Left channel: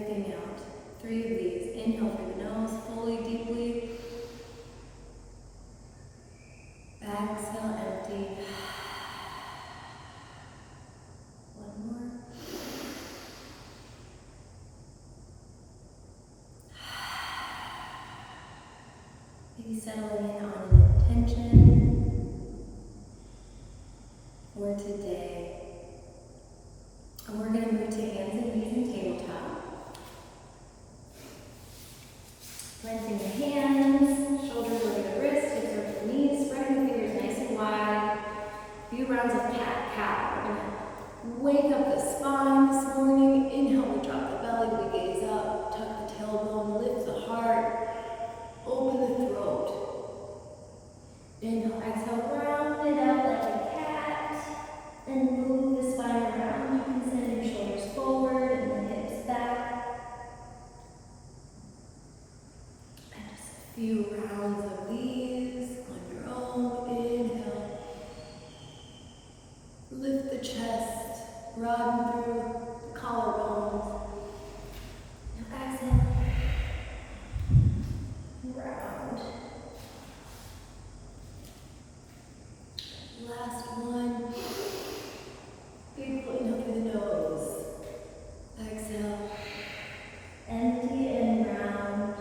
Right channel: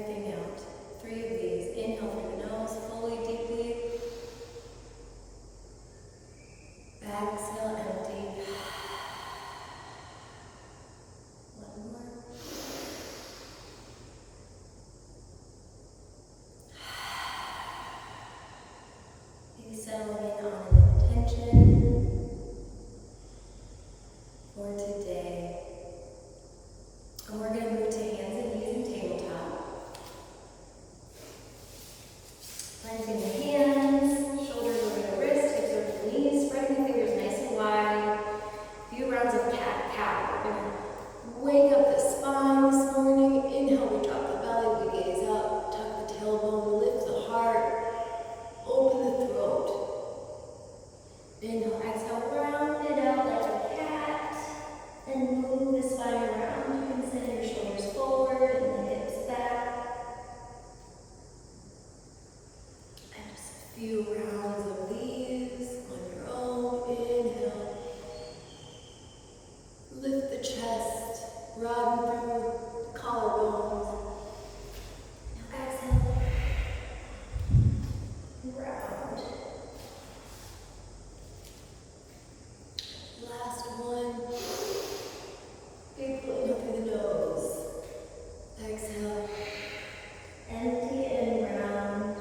everything out. 3 of these. Inhale through the nose, fully, deeply. Exhale, empty. One more. Maybe settling in on an intention for today. And we're going to move to hands and knees and tabletop. Planting the hands, shoulders over the wrists, hips over the knees, spreading the fingers nice and wide. A few rounds of cat-cow. We're going to wake up the spine this morning. Inhale, we drop the belly, we gaze up, tuck the tailbone, lift the heart, open the throat. Inhale, exhale, round it out like a cat, and move the spine around. You can send your shoulders forward and the hips back. And just a few rounds of these on your own. Inhale. Lift the chest, broaden through the collarbones. Now exhale. Round. Last one. Big inhale through the nose. Exhale. Empty and round.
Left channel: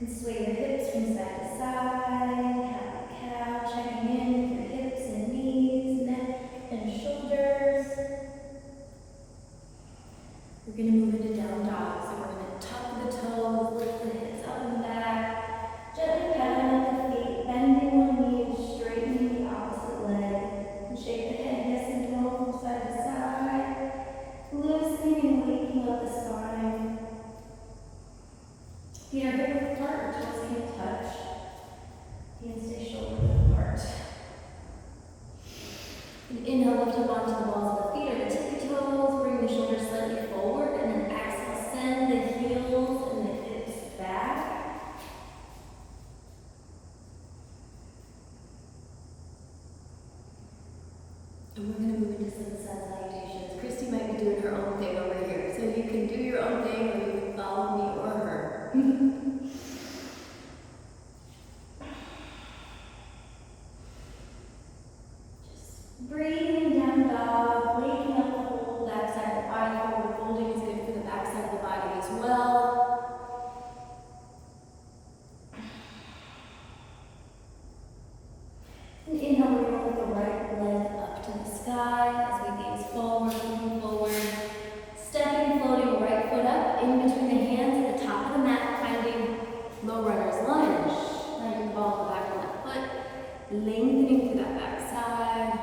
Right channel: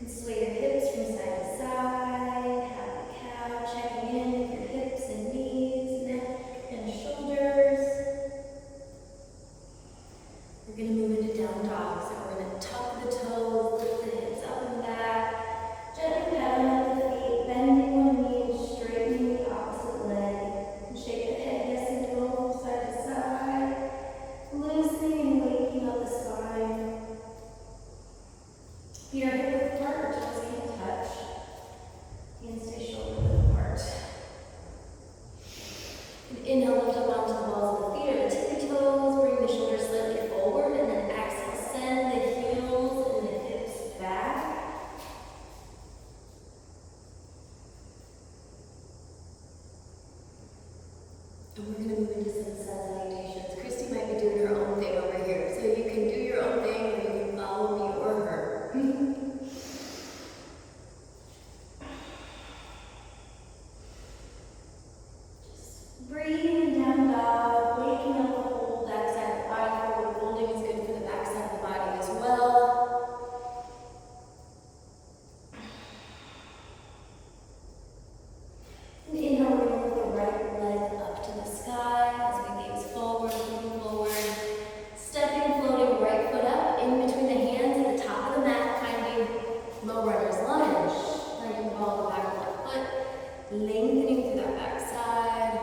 You can sway the hips from side to side. Happy cow. Checking in with your hips and knees, neck and shoulders. We're going to move into down dog. So we're going to tuck the toes, lift the hips up and back. Gently pedaling at the feet, bending one knee, straightening the opposite leg. And shake the head yes and no from side to side. Loosening and waking up the spine. Feet are hip width apart, toes can't touch. Hands stay shoulder width apart. And inhale, lift up onto the balls of the feet or the tippy toes. Bring the shoulders slightly forward, and then exhale, send the heels and the hips back. And we're going to move into some salutations. Christy might be doing her own thing over here, so you can do your own thing or you can follow me or her. Just breathing down dog, waking up the whole back side of the body. Forward folding is good for the back side of the body as well. And inhale, we're going to lift the right leg up to the sky as we gaze forward, moving forward. Stepping, floating right foot up in between the hands at the top of the mat, finding low runner's lunge. Letting the ball of the back of the left foot, lengthening through that back side.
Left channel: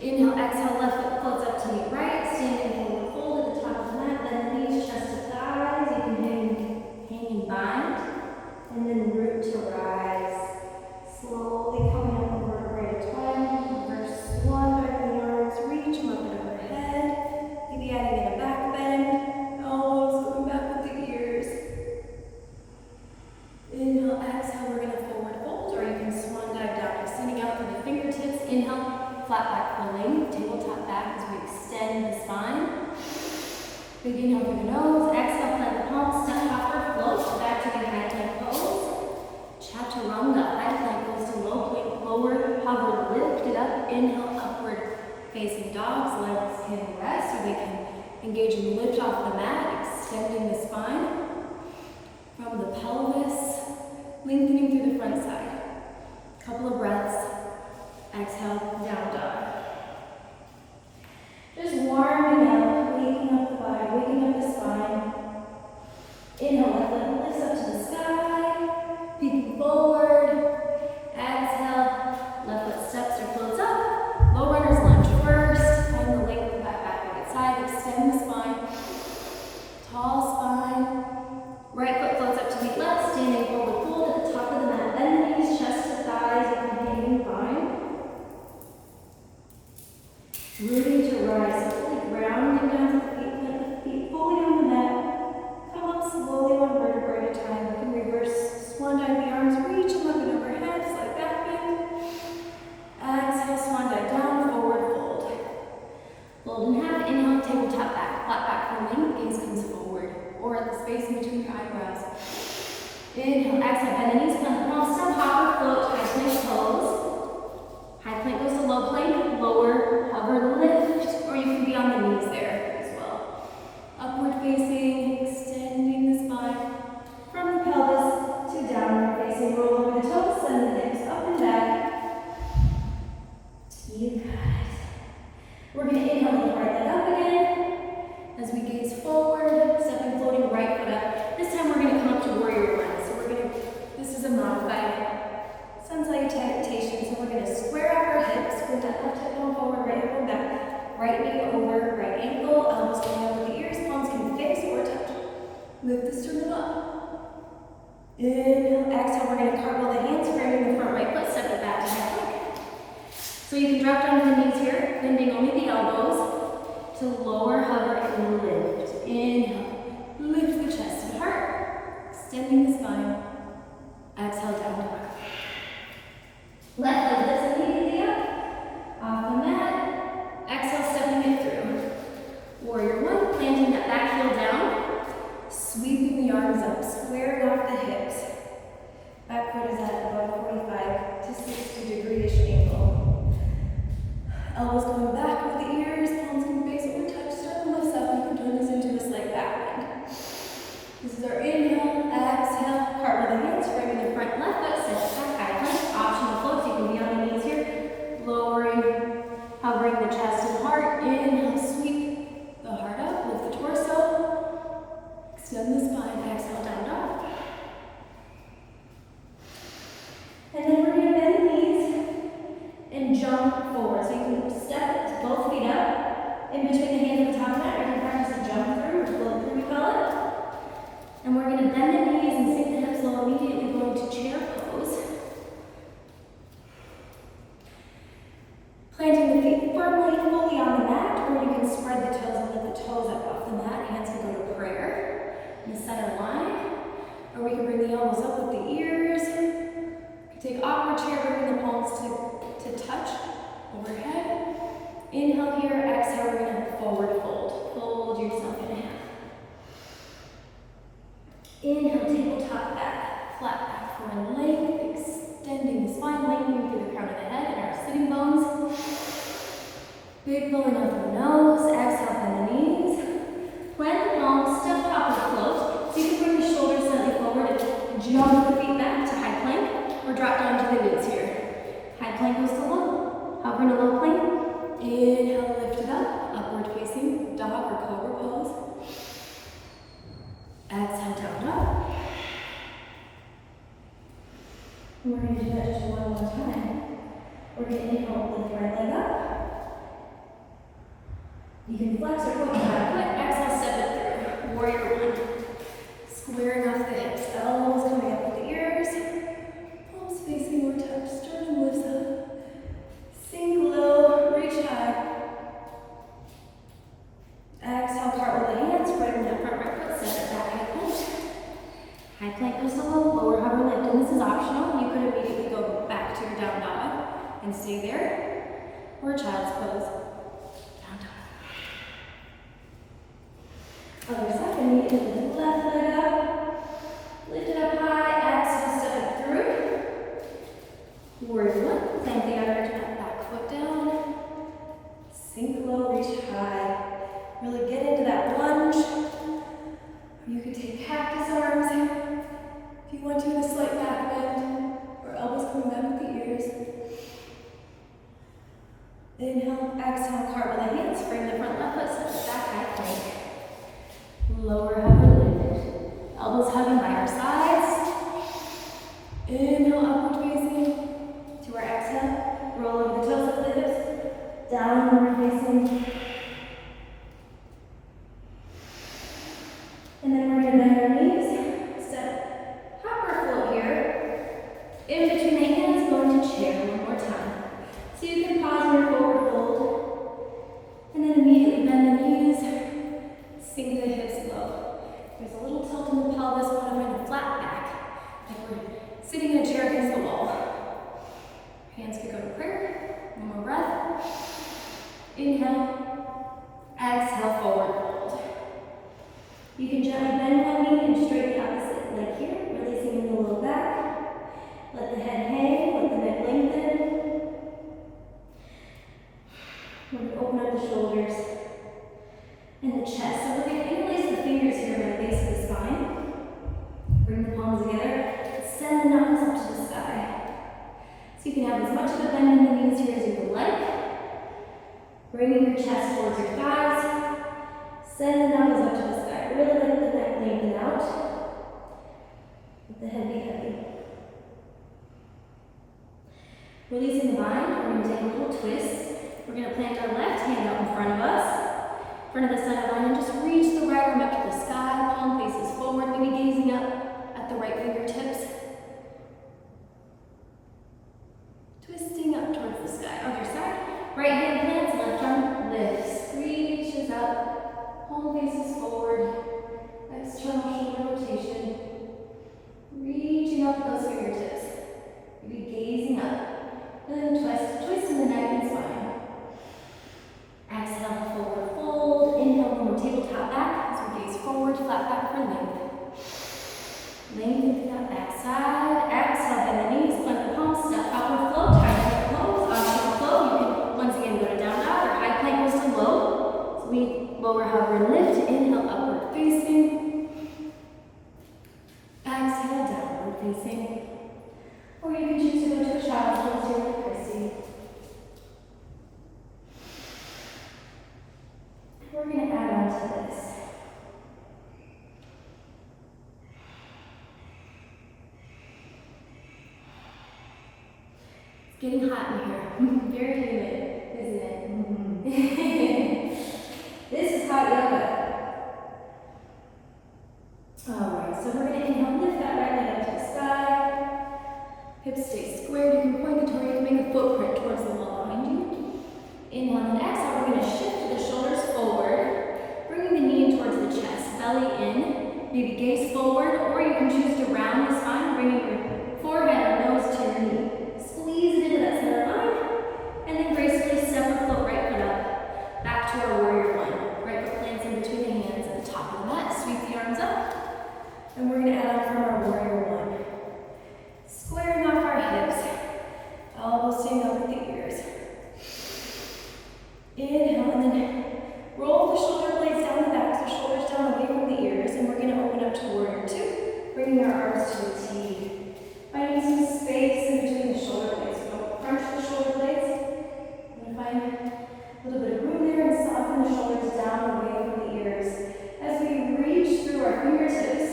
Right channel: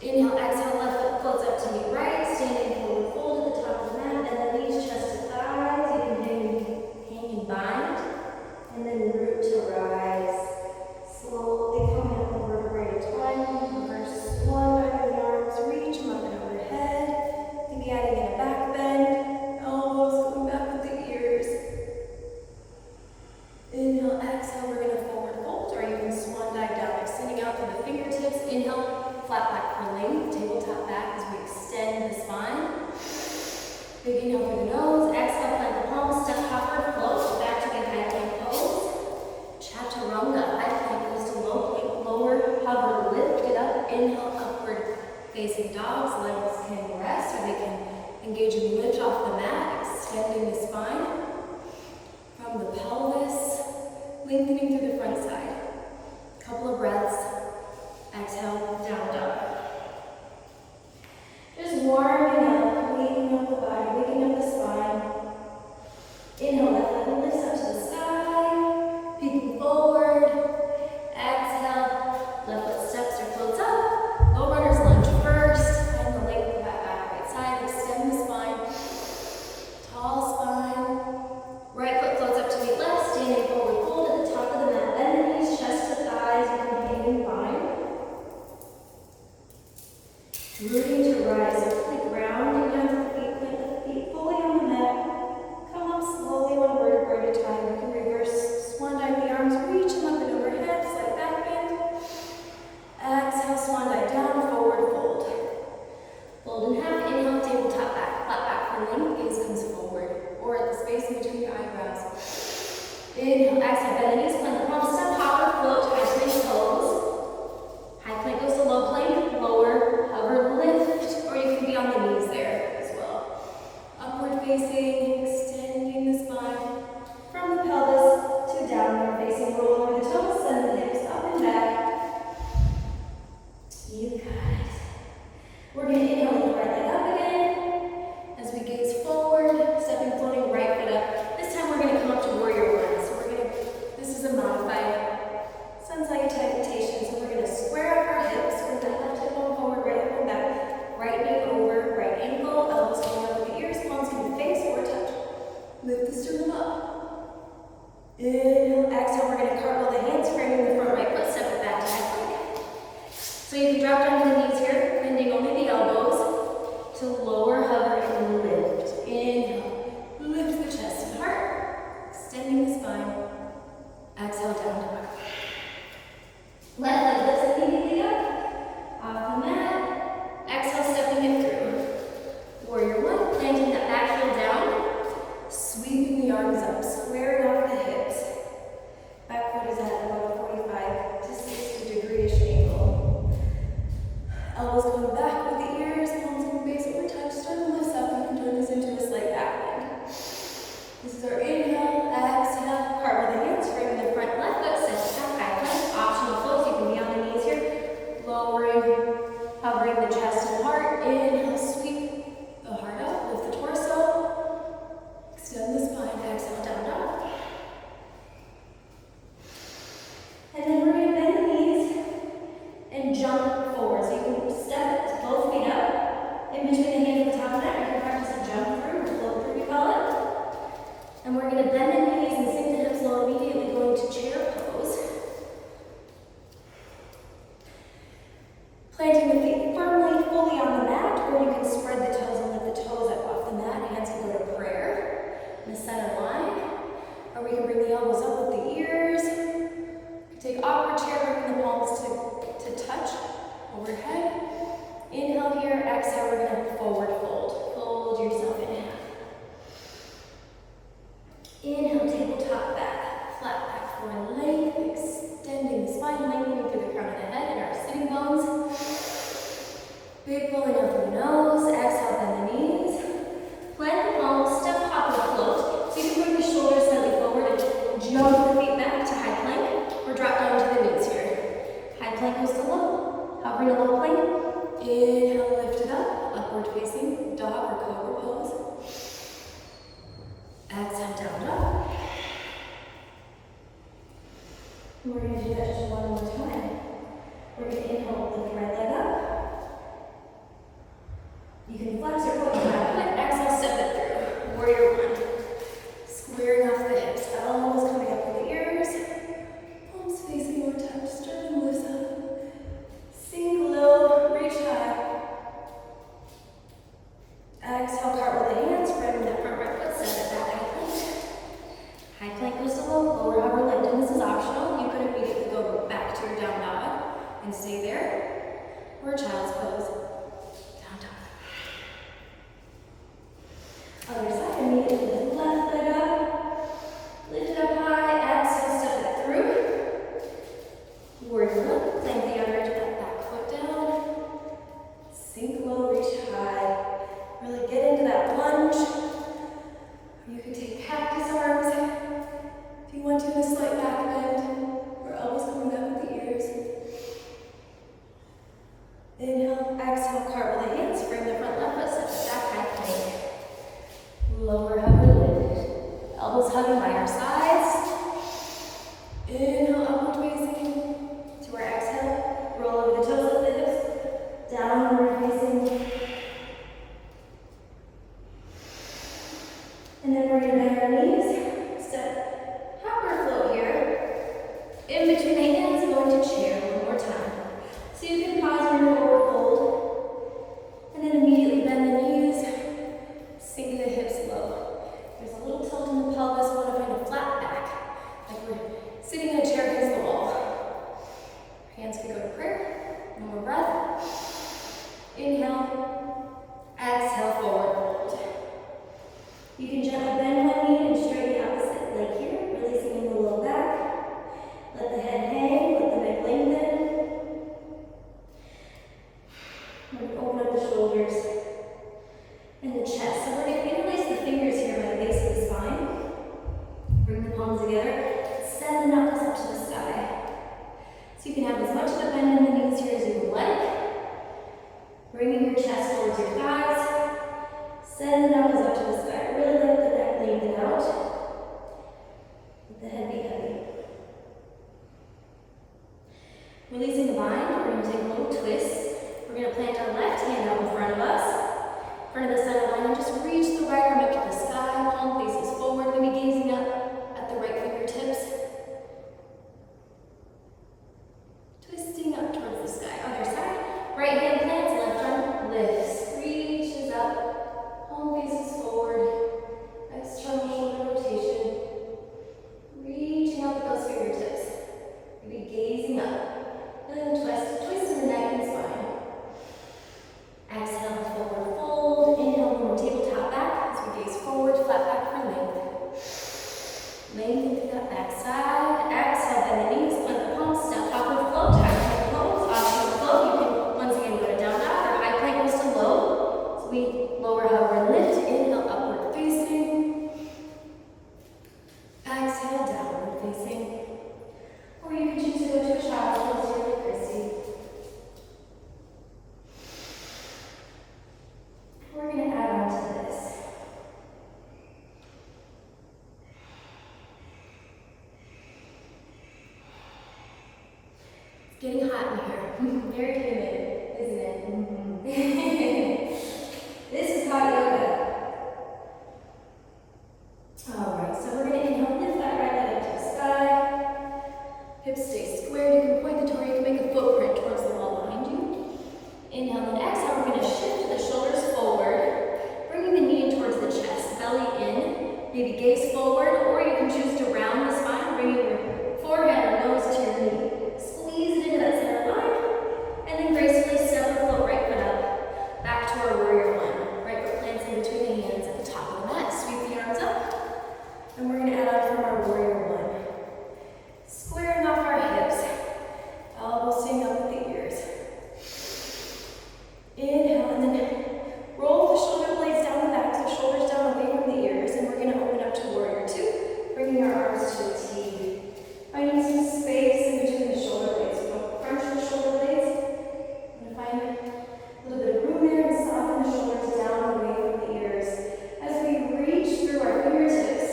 Inhale, exhale, left foot floats up to meet right, standing forward fold at the top of the mat, then the knees, chest to thighs. You can hang and bind, and then root to rise. Slowly coming up over to right twine, reverse swan, back of the arms, reach them up and overhead. Maybe adding in a back bend, elbows going back with the ears. Inhale, exhale, we're going to forward fold, or you can swan dive down, extending out through the fingertips. Inhale, flat back for length, tabletop back as we extend the spine. Big inhale through the nose, exhale, plant the palms, step backward, float back to the high plank pose. Chaturanga, high plank goes to low plank, lower, hover, lift it up, inhale, upward facing dogs, legs can rest, or they can engage and lift off the mat, extending the spine from the pelvis, lengthening through the front side. Couple of breaths, exhale, down dog. Just warming up, waking up the body, waking up the spine. Inhale, left leg lifts up to the sky, peeking forward. Exhale, left foot steps or floats up. Low runner's lunge first, find the length of that back right side, extend the spine. Tall spine. Right foot floats up to meet left, standing forward fold at the top of the mat. Bend the knees, chest to thighs, you can hang and bind. Rooting to rise, so really grounding down to the feet, plant the feet fully on the mat. Come up slowly one vertebrae at a time. You can reverse swan dive the arms, reach them up and overhead, slight back bend. Exhale, swan dive down, forward fold. Fold in half, inhale, tabletop back, flat back for length, gaze comes forward, or at the space in between your eyebrows. Inhale, exhale, bend the knees, plant the palms, step, hop or float, high plank pose. High plank goes to low plank, lower, hover, lift, or you can be on the knees there as well. Upward facing, extending the spine from the pelvis to downward facing, roll over the toes, send the hips up and back. You got it. We're going to inhale, lift right leg up again. As we gaze forward, stepping, floating right foot up. This time we're going to come up to warrior one. So this is a modified salutation. So we're going to square up our hips with that left hip going forward, right hip going back. Right knee over, right ankle, elbows going over the ears, palms can face or touch. Lift the sternum up. Inhale, exhale, we're going to cartwheel the hands, framing the front right foot, step it back to high plank. So you can drop down to the knees here, bending only the elbows to lower, hover, and lift. Inhale, lift the chest and heart, extending the spine. Exhale, down dog. Left leg lifts immediately up, off the mat. Exhale, stepping it through. Warrior one, planting that back heel down, sweeping the arms up, squaring off the hips. Back foot is at about 45 to 60 degree-ish angle. Elbows going back with the ears, palms in the base or touch, sternum lifts up. You can turn this into a slight back bend. This is our inhale, exhale, cartwheel the hands, framing the front left foot, step back, high plank, optional floats. You can be on the knees here, lowering, hovering the chest and heart. Inhale, sweep the heart up, lift the torso, extend the spine, exhale, down dog. And then we're going to bend the knees and jump forward. So you can step both feet up in between the hands at the top of that. You can practice a jump through or float through, we call it. And we're going to bend the knees and sink the hips low, immediately going to chair pose. Planting the feet firmly, fully on the mat, or you can spread the toes and lift the toes up off the mat. Hands can go to prayer in the center line. Or we can bring the elbows up with the ears. You can take awkward chair, bringing the palms to touch overhead. Inhale here, exhale, we're going to forward fold. Fold yourself in half. Inhale, tabletop back, flat back for length, extending the spine, lengthening through the crown of the head and our sitting bones. Big pulling out through the nose, exhale, bend the knees. Plant the palms, step, hop, or float. So you can bring the shoulders slightly forward and jump the feet back to high plank, or drop down to the knees here. High plank goes to low, hovering a low plank. Inhale, lift it up, upward facing, dog or cobra pose. Exhale, down dog. And we're going to do that just one more time. We're going to inhale, lift the right leg up. You can flex or point your back foot. Exhale, step it through. Warrior one. Squaring off the hips. Elbows coming up with the ears. Palms facing or touch. Sternum lifts up. Sink low, reach high. Exhale, cartwheel the hands, spreading that front right foot, step it back, high plank. High plank goes to low, lower hover lift, and this is optional. You could immediately go back to your down dog and stay there, or child's pose, down dog. Other side, immediately lift the left leg up, lift it up high, exhale, step it through. Warrior one, plant the other edge of that back foot down, sink low, reach high. Really get into that lunge. You can take cactus arms if you want to, in a slight back bend, or elbows coming back with the ears. Inhale, exhale, cartwheel the hands, frame the front left foot, step it back, high plank. Lower hover lift. Elbows hugging by our sides. Inhale, upward facing. To our exhale, roll over the toes of the hips. Downward facing. And then we're going to bend our knees, step, hop or float here. In between the hands, going to chair one more time. So you can pause your forward fold, and then immediately bend the knees, sink the hips low. There's a little tilt in the pelvis, we want to find a flat back, like we're sitting in a chair against the wall. Hands can go to prayer. One more breath. Inhale. Exhale, forward fold. You can gently bend one knee and straighten the opposite leg here, releasing in the low back. Let the head hang, let the neck lengthen. We're going to open up the shoulders and the chest. So we're going to interlace the fingers here by the base of the spine. Bring the palms together. Send the knuckles up to the sky. So you can have as much of a bend in the knees here as you would like. Bringing your chest towards your thighs. Send the knuckles up to the sky. Really let the neck lengthen out. Let the head be heavy. Releasing the bind, we're going to take a little twist. We're going to plant our left hand out in front of us, front of the center line, and just reach the right arm up to the sky. Palm faces forward, maybe gazing up at the right fingertips. Twisting up towards the sky. Other side. Right hand plants, left arm lifts. Reaches up. Palm faces forward. External shoulder rotation. Reaching up with those fingertips. Maybe gazing up. Then twist in the neck and spine. Exhale, forward fold. Inhale, from tabletop back as we gaze forward, flat back for length. Lengthen through that back side. Exhale, bend the knees, plant the palms, step upward flow, tight close. On flow, you can once again go to down dog or high plank goes to low. So we lower, hover, and lift. Inhale, upward facing. Exhale, downward facing. Or you can choose to go to a child's pose here with Christy. We're going to add on to this. It's getting hot in here. Very humid, isn't it? Mm-hmm. This is hot yoga. Alright, so we're going to inhale, lift that right leg up to the sky. Hips stay squared. You can point the toe, you can make a footprint towards the wall behind you. Inhale and exhale, we're going to shift the shoulders forward, bringing the knee towards the chest, belly in, maybe gaze forward, or you can choose to round the spine, bringing your forehead or nose to your knee. Squeeze it into that center line, and then gracefully step or float right foot up, back to our warrior one. Right foot plants in between the hands at the top of the mat, sweep the arms up, and we're going to add on from our warrior one. Squaring off our hips, elbows staying up with the ears. Inhale, and then roll the shoulder blades down the back, so shoulders down away from the ears, and we're going to open up to warrior two, bringing our arms to a T. Finding some space in between the shoulder blades. So don't crunch the shoulder blades. I'm going to find a little bit of room there and soften the shoulders down away from the ears. As we reach through our fingertips,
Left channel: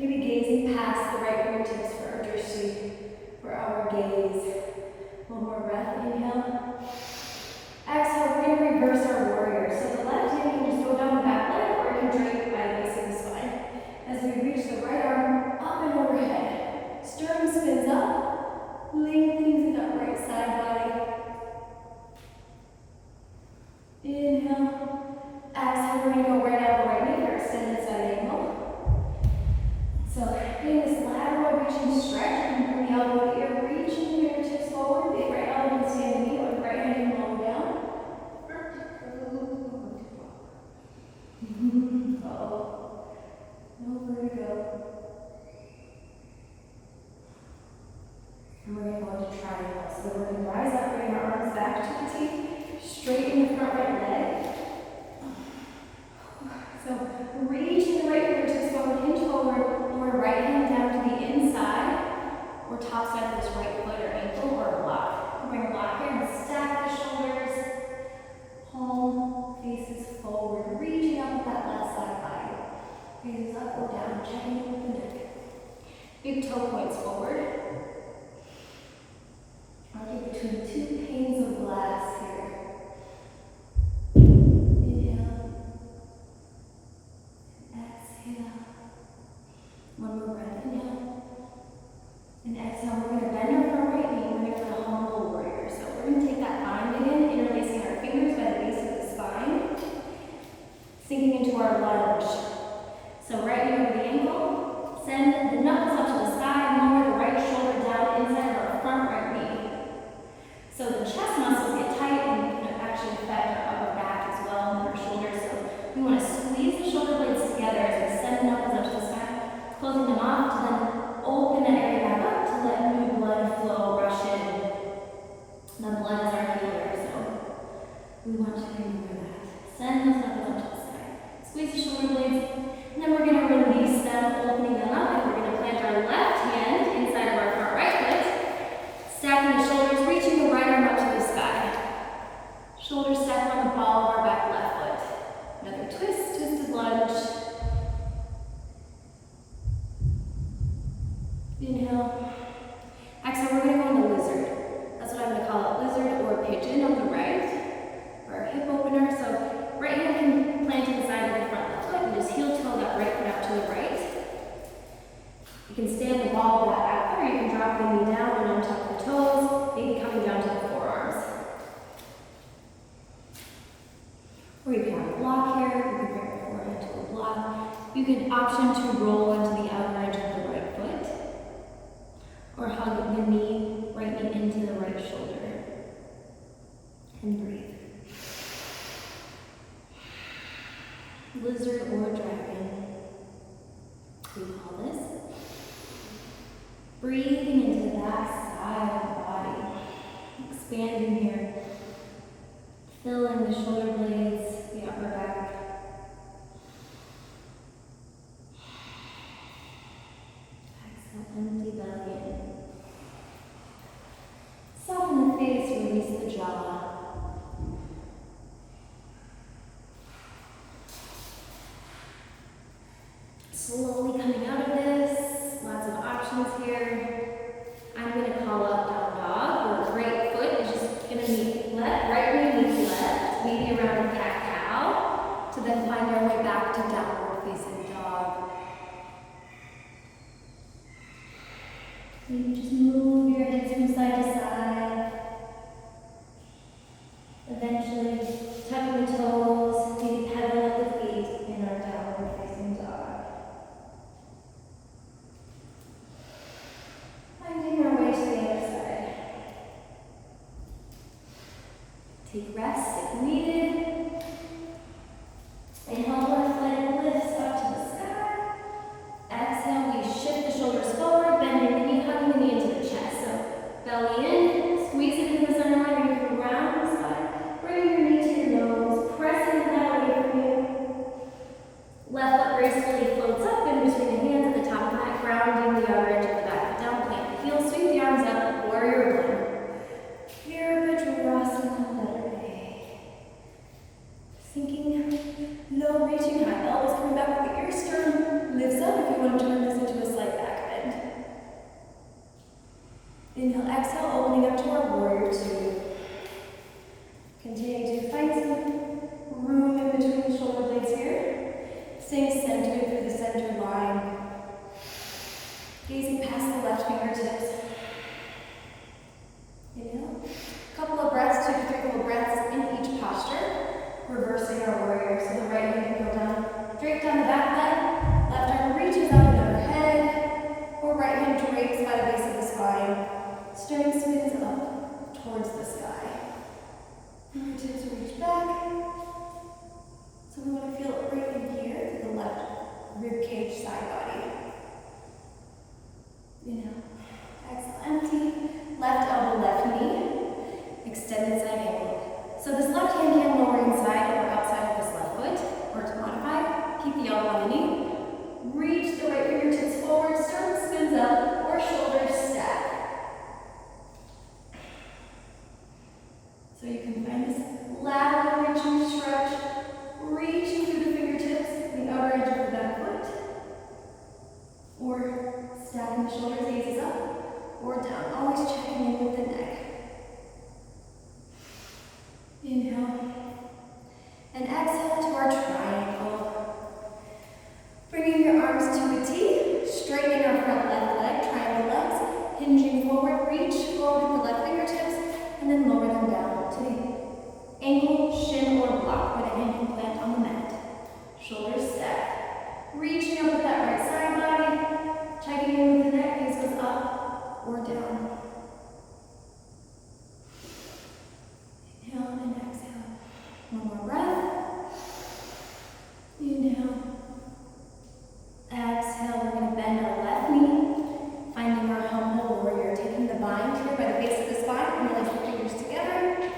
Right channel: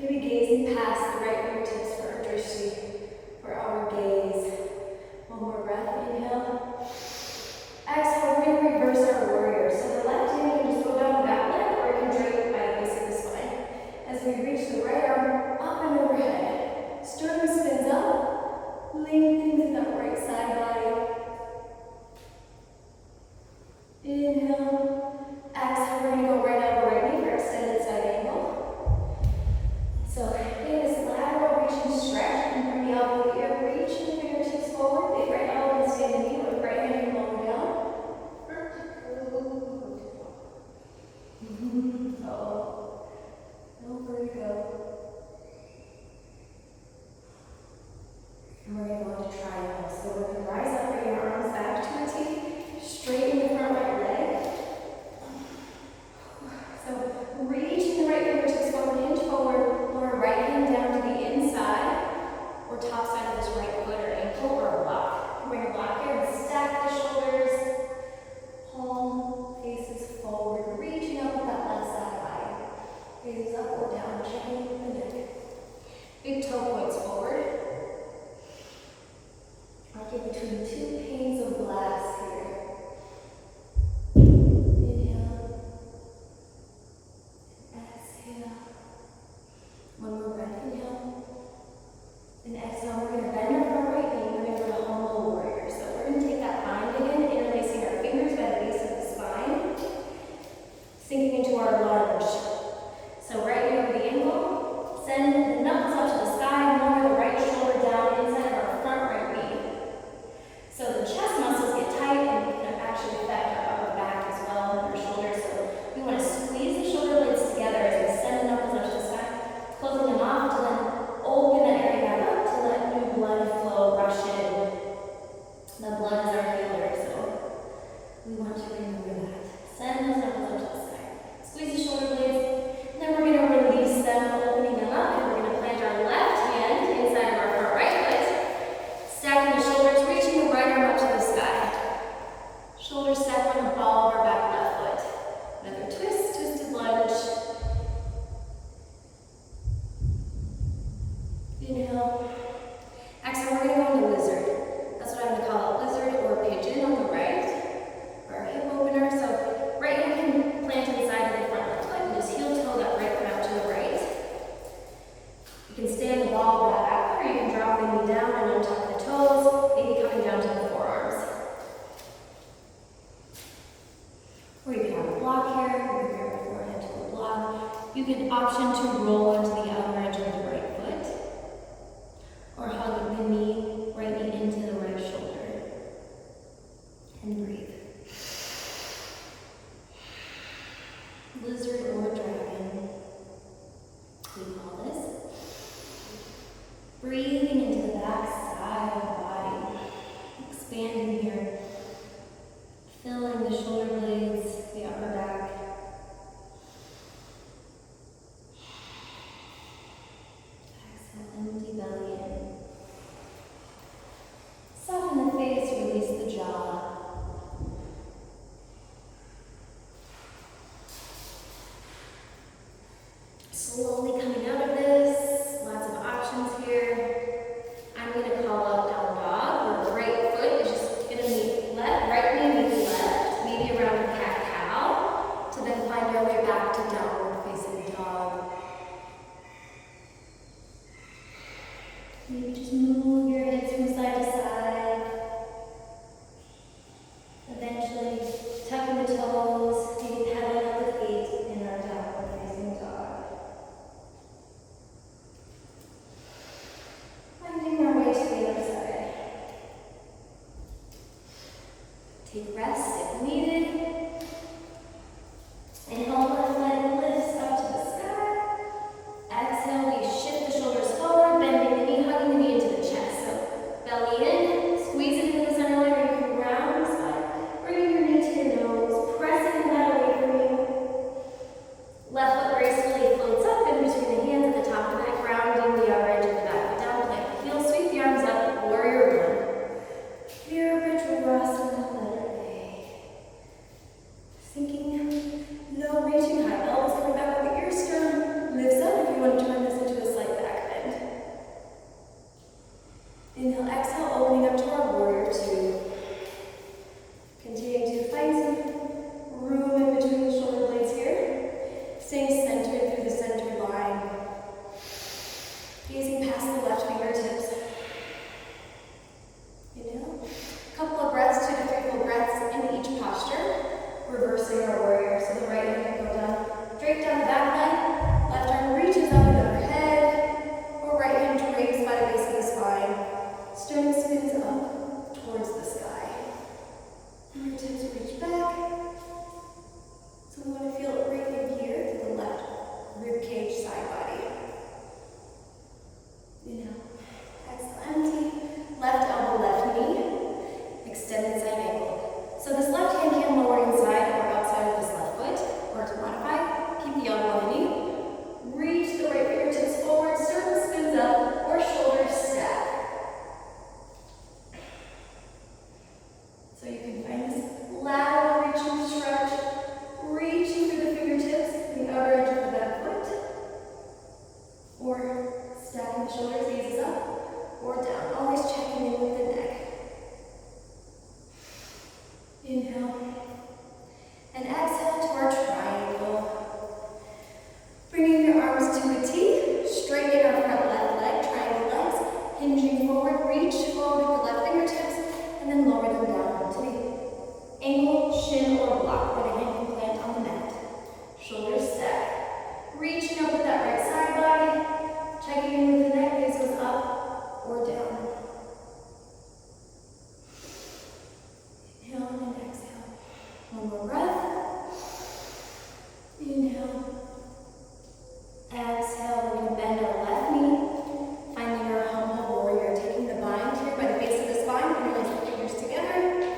maybe gazing past the right fingertips for our drishti, for our gaze. One more breath, inhale. Exhale, we're going to reverse our warrior. So the left hand can just go down the back leg, or you can drape it by the base of the spine. As we reach the right arm up and overhead. Sternum spins up, lengthening through that right side body. Inhale. Exhale, we're going to go right elbow, right knee for extended side angle. So in this lateral reach and stretch, you can bring the elbow here, reach the fingertips forward, big right elbow can stay in the knee, or the right hand can lower down. Uh-oh. Nowhere to go. And we're going to go into triangle. So we're going to rise up, bring our arms back to the T, straighten the front right leg. So reaching the right fingertips forward, hinge forward, lower right hand down to the inside or top side of this right foot or ankle or block. Bring a block here and stack the shoulders. Palm faces forward, reaching up with that left side body. Gaze up or down, checking with the neck. Big toe points forward. Arcing between two panes of glass here. Inhale. Exhale. One more breath. Inhale. And exhale. We're going to bend our front right knee. We're going to go to humble warrior. So we're going to take that bind again, interlacing our fingers by the base of the spine, sinking into our lunge. So right knee over the ankle. Send the knuckles up to the sky and lower the right shoulder down inside of our front right knee. So the chest muscles get tight and can actually affect our upper back as well, and our shoulder we have a block here, we can bring our forehead to a block. You can option to roll onto the outer edge of the right foot, or hug the right knee into the right shoulder. And breathe. Lizard or dragon, we call this. Breathing into the back side of the body. Expanding here. Filling the shoulder blades, the upper back. Exhale, empty belly in. Soften the face, release the jaw. Slowly coming out of this, lots of options here. I'm going to call out down dog, where right foot is just going to meet left, right knee meets left, maybe around a cat-cow, to then find your way back to downward facing dog. Maybe just move your hips from side to side. Eventually, tucking the toes, maybe pedaling up the feet in our downward facing dog. Finding our way to the other side. Take rest if needed. Inhale, left leg lifts up to the sky. Exhale, we shift the shoulders forward, bending the knee, hugging the knee into the chest. So belly in, squeeze it into the center line, or you can ground the side. Bringing your knee to your nose, pressing that away from you. Left foot gracefully floats up in between the hands at the top of the mat, grounding the outer edge of the back foot down, plant heel, sweep the arms up, warrior one. Virabhadrasana, letter A. Sinking low, reaching high, elbows coming back with the ear, sternum lifts up if you want to turn this into a slight back bend. Inhale, exhale, opening up to our warrior two. Continue to find some room in between the shoulder blades here. Staying centered through the center line. Gazing past the left fingertips. Inhale. A couple of breaths, 2 to 3 full breaths in each posture. Reversing our warrior. So the right hand can go down, straight down the back leg. Left arm reaches up and overhead. Or right hand drapes by the base of the spine. Sternum spins up towards the sky. Fingertips reach back. So we want to feel it right in here to the left rib cage side body. Inhale. Exhale, empty. Left elbow, left knee. Extended side ankle. So this left hand can lower inside or outside of this left foot, or to modify, keep the elbow on the knee. Reach the right fingertips forward, sternum spins up, or shoulders stack. So you can find this lateral reaching stretch, reaching through the fingertips, the outer edge of the back foot, or stacking the shoulders, gaze up, or down, always checking in with the neck. Inhale, and exhale to our triangle. Bringing your arms to a T, straightening our front left leg, triangle legs, hinging forward, reach forward with the left fingertips, and then lower them down to the ankle, shin, or block with an ankle plant on the mat. Shoulders stack. Reaching up with that right side body, checking in with the neck, gaze goes up or down. Inhale and exhale. One more breath. Inhale. Exhale, we're going to bend our left knee, finding our humble warrior, taking the bind here by the base of the spine, and place the fingers together.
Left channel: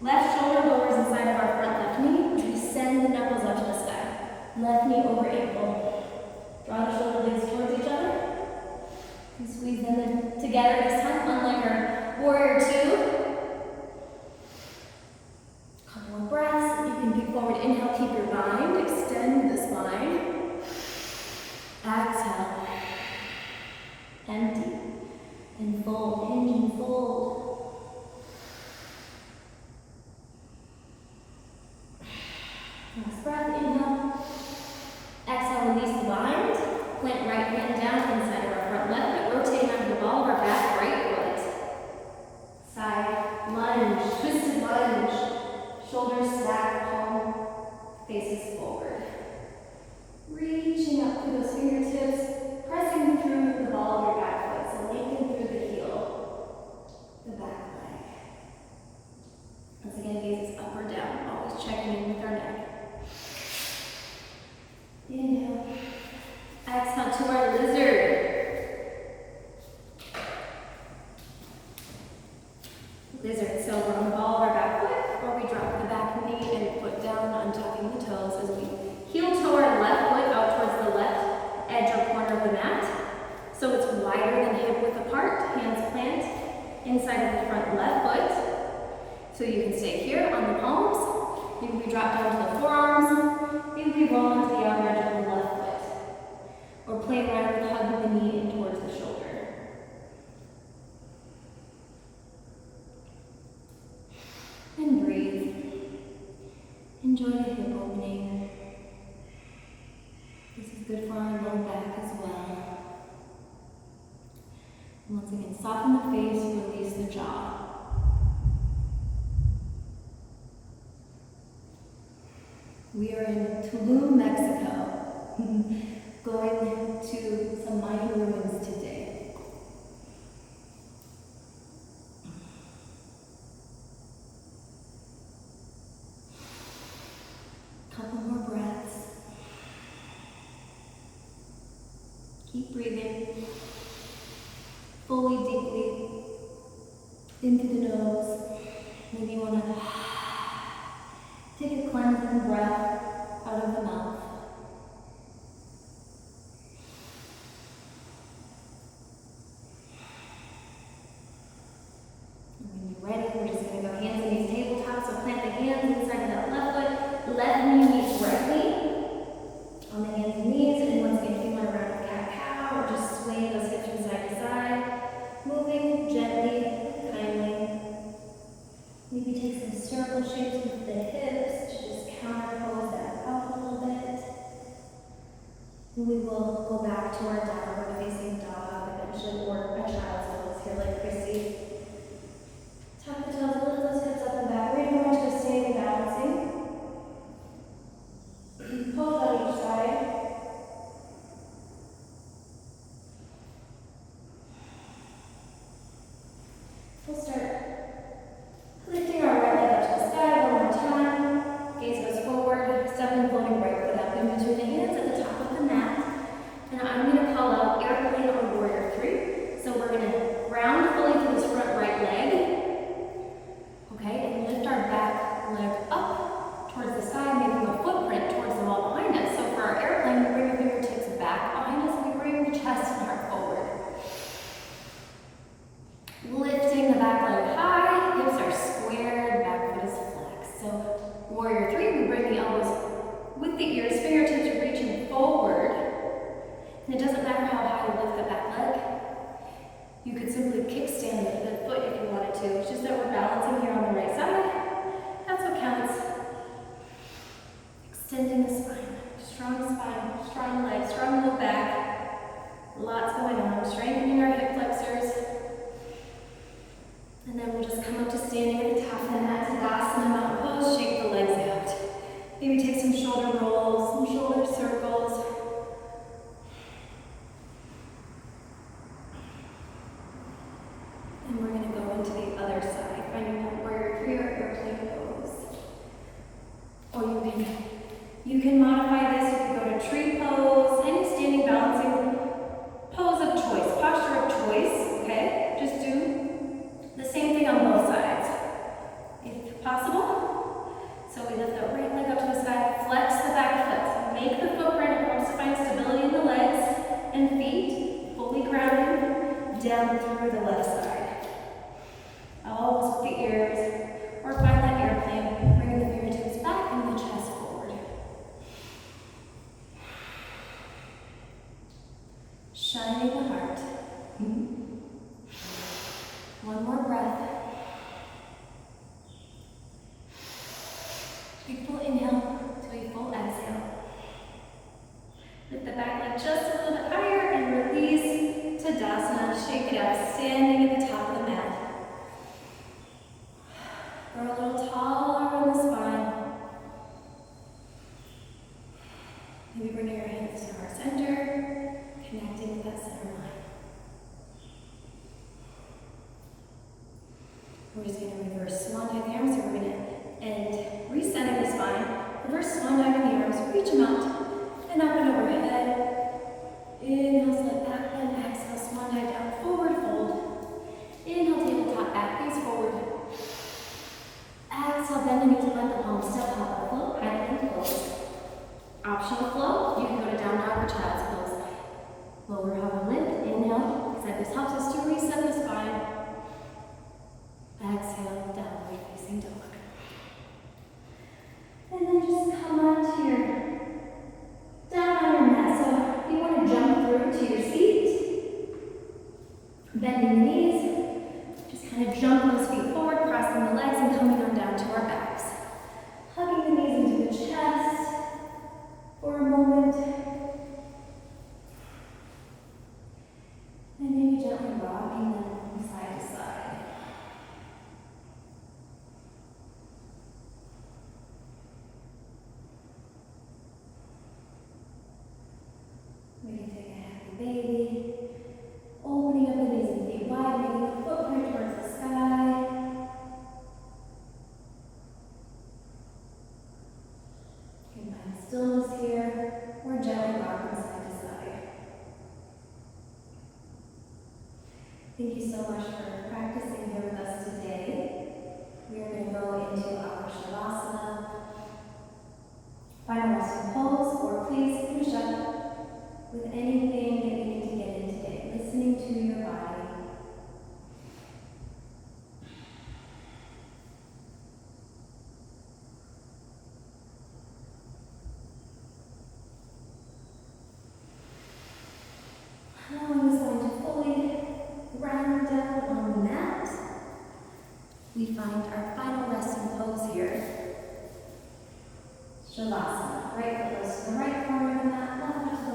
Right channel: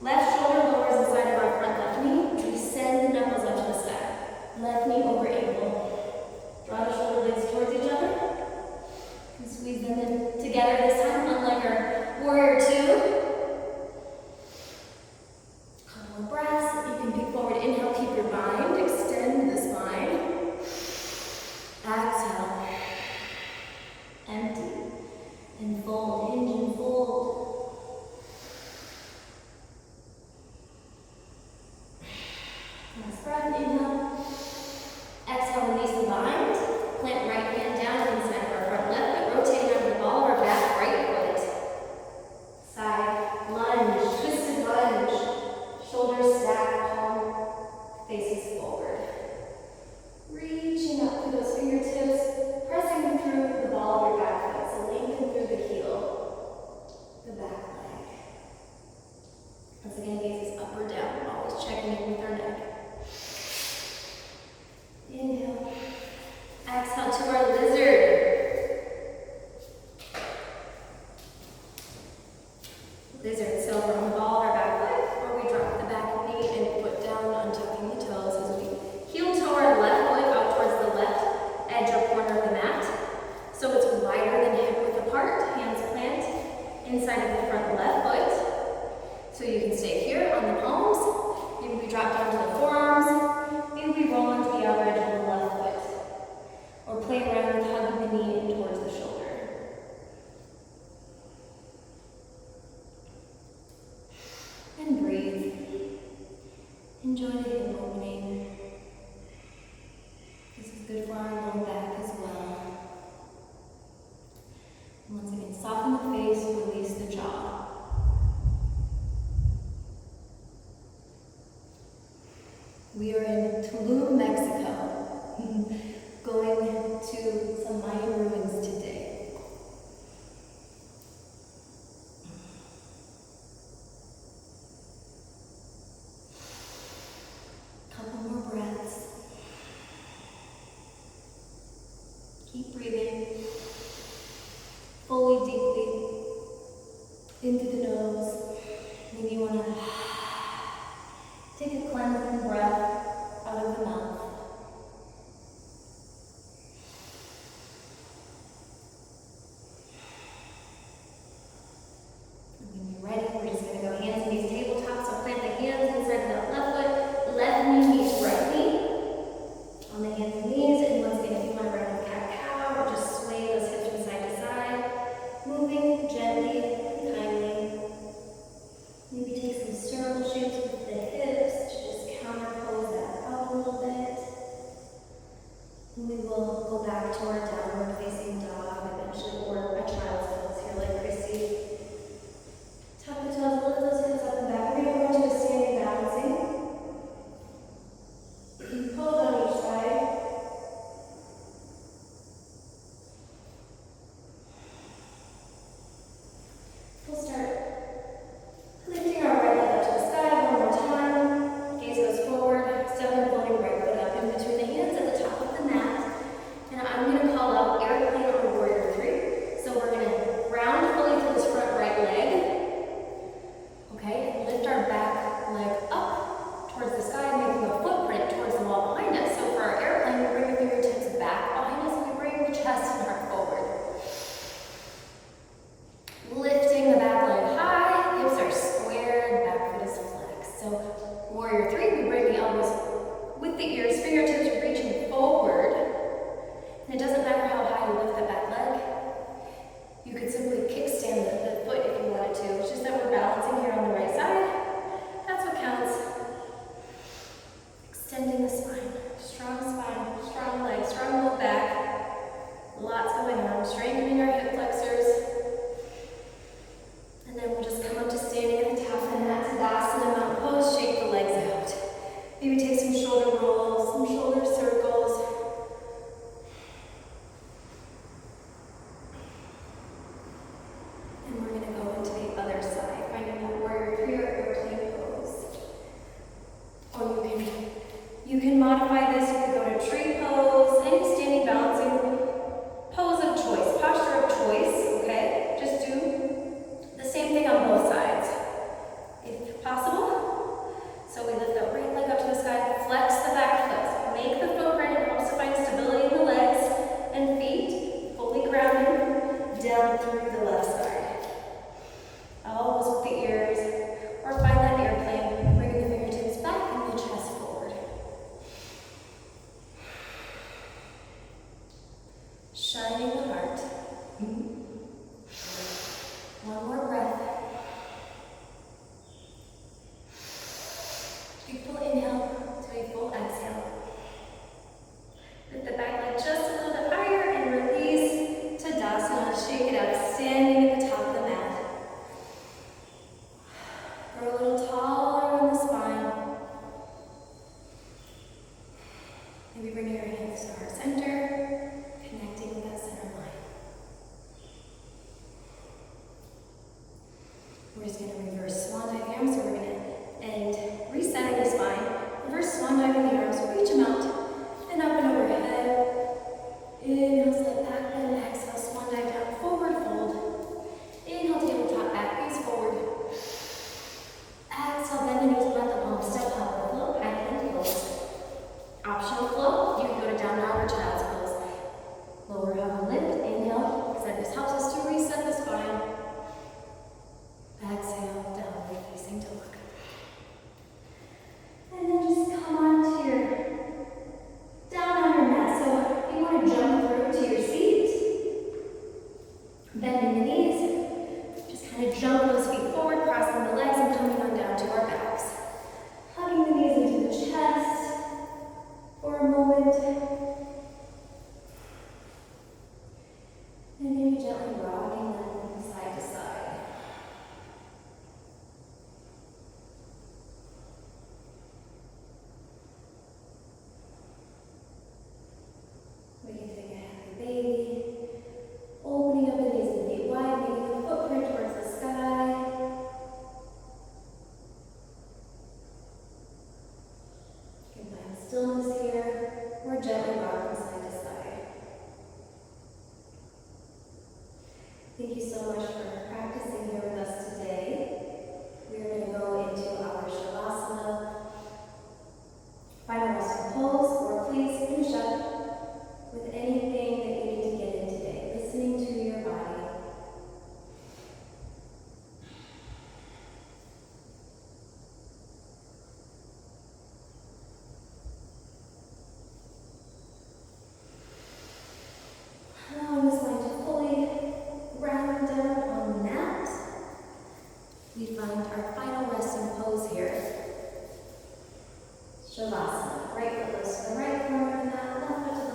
Left shoulder lowers inside of our front left knee. We send the knuckles up to the sky. Left knee over ankle. Draw the shoulder blades towards each other. And squeeze them in together this time, unlike our warrior two. Couple more breaths. You can pick forward. Inhale, keep your bind. Extend the spine. Exhale. Empty. And fold. Hinge and fold. Last breath, inhale. Exhale, release the bind. Plant right hand down inside of our front left foot, rotating under the ball of our back right foot. Side lunge, twisted lunge. Shoulders stack, palm inside of the front left foot. So you can stay here on the palms. Maybe we drop down to the forearms. Maybe we roll into the outer edge of the left foot. Or play around with hugging the knee in towards the shoulder. And breathe. Enjoy the hip opening. This is good for our low back as well. And once again, soften the face, release the jaw. We are in Tulum, Mexico, going to some Mayan ruins today. Couple more breaths. Keep breathing fully, deeply into the nose. Maybe you want to take a cleansing breath out of the mouth. And when you're ready, we're just going to go hands in these tabletops. So plant the hands inside of that left foot. Left knee meets right knee. On the hands and knees. And once again, if you want to round up cat-cow or just sway those hips from side to side. Moving gently, kindly. Maybe take some circle shapes with the hips to just counterpose that up a little bit. We will go back to our downward facing dog, eventually, or a child's pose here like Chrissy. Tuck the toes, lift those hips up and back. We're going to go into a standing balancing. Pose on each side. We'll start lifting our right leg up to the sky one more time. Gaze goes forward, step and floating right foot up in between the hands at the top of the mat. And I'm going to call out airplane or warrior three. So we're going to ground fully to this front right leg. Okay, and lift our back leg up towards the sky, making a footprint towards the wall behind us. So for our airplane, we bring the fingertips back behind us and we bring the chest and heart forward. Lifting the back leg high, hips are squared, back foot is flexed. So warrior three, we bring the elbows with the ears, fingertips reaching forward. And it doesn't matter how high you lift the back leg. You could simply kickstand the foot if you wanted to. It's just that we're balancing here on the right side. That's what counts. Extending the spine, strong legs, strong low back. Lots going on, strengthening our hip flexors. And then we'll just come up to standing at the top of the mat, Tadasana, mountain pose, shake the legs out. Maybe take some shoulder rolls, some shoulder circles. And we're going to go into the other side, finding that warrior three or airplane pose. Or you can modify this. You could go to tree pose, any standing balancing pose of choice, posture of choice, okay? Just do the same thing on both sides, if possible. So we lift that right leg up to the sky, flex the back foot. So make the footprint. It helps to find stability in the legs and feet, fully grounded down through the left side. Elbows with the ears, or find that airplane, bringing the fingertips back and the chest forward. Shining the heart. One more breath. Big full inhale to a full exhale. Lift the back leg just a little bit higher and release Tadasana. Shake it out, standing at the top of the mat. Grow a little taller on the spine. Maybe bringing your hands to heart center, connecting with that center line. We're just going to reverse swan dive the arms. So we're going to end resetting the spine. Reverse swan diving the arms. Reach them out and up and overhead. Inhale, slide back bend. Exhale, swan dive down, forward fold. Inhale, tabletop, back face forward. Exhale, bend the knees, blend the palms, step up, flow, high plank pose. Optional flow, you can go to down dog or child's pose. Lower, hover, lift, inhale. This helps us to reset the spine. come on to your, down on your mat. So if you want to jump through to your seat, bending the knees, just kind of jump those feet forward, crossing the legs and coming on down to our backs. Hugging the knees into the chest for a moment. And maybe gently rocking them from side to side. We can take a happy baby, opening up the knees and feet wide, making the footprint towards the sky. You can find stillness here, or gently rock from side to side. Thank you so much for practicing here with us today. We are going to go into our Shavasana, final resting pose, or please finish up with anything that you need to get in today, listening to your body. Allowing this line to fully ground down on the mat. We find our final resting pose here. Shavasana. Right foot goes to the right corner of the mat, left foot to